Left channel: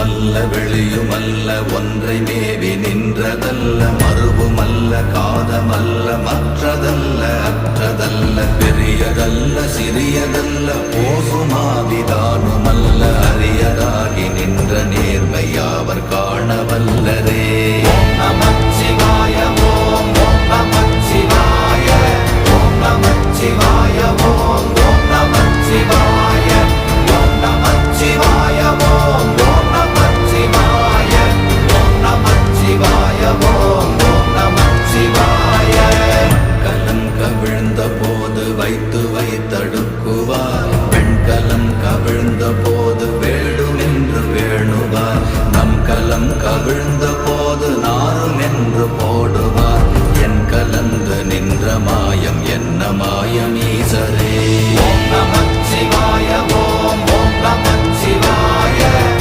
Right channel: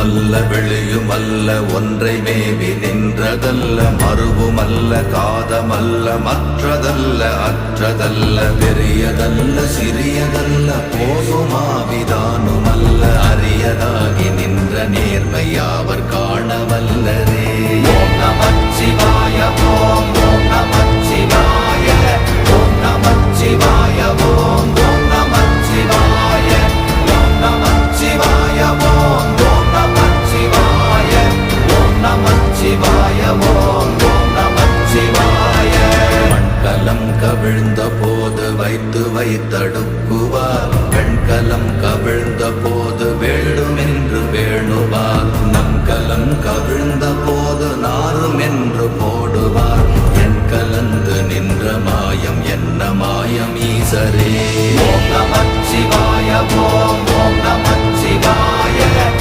உள்ளுமல்ல வெளியுமல்ல ஒன்றை மேவி நின்றதல்ல மறுவுமல்ல காதமல்ல மற்றதல்ல அற்றதல்ல பெரியதல்ல சிறியதல்ல போகுமாவிதானுமல்ல அரியராகி நின்ற நேர்மையாவர் காணவல்லரே. ஓம் நமச்சிவாய ஓம் ஓம் நமச்சிவாய ஓம் நமச்சிவாய ஓம் ஓம் நமச்சிவாய ஓம் நமச்சிவாய ஓம் ஓம் நமச்சிவாய ஓம் நமச்சிவாய ஓம் ஓம் நமச்சிவாய. மண்கலம் கவிழ்ந்த போது வைத்து வைத்தடுக்குவார் பெண்கலம் கவிழ்ந்த போது வேண்டுமென்று வேணுவார் நம் கலம் கவிழ்ந்த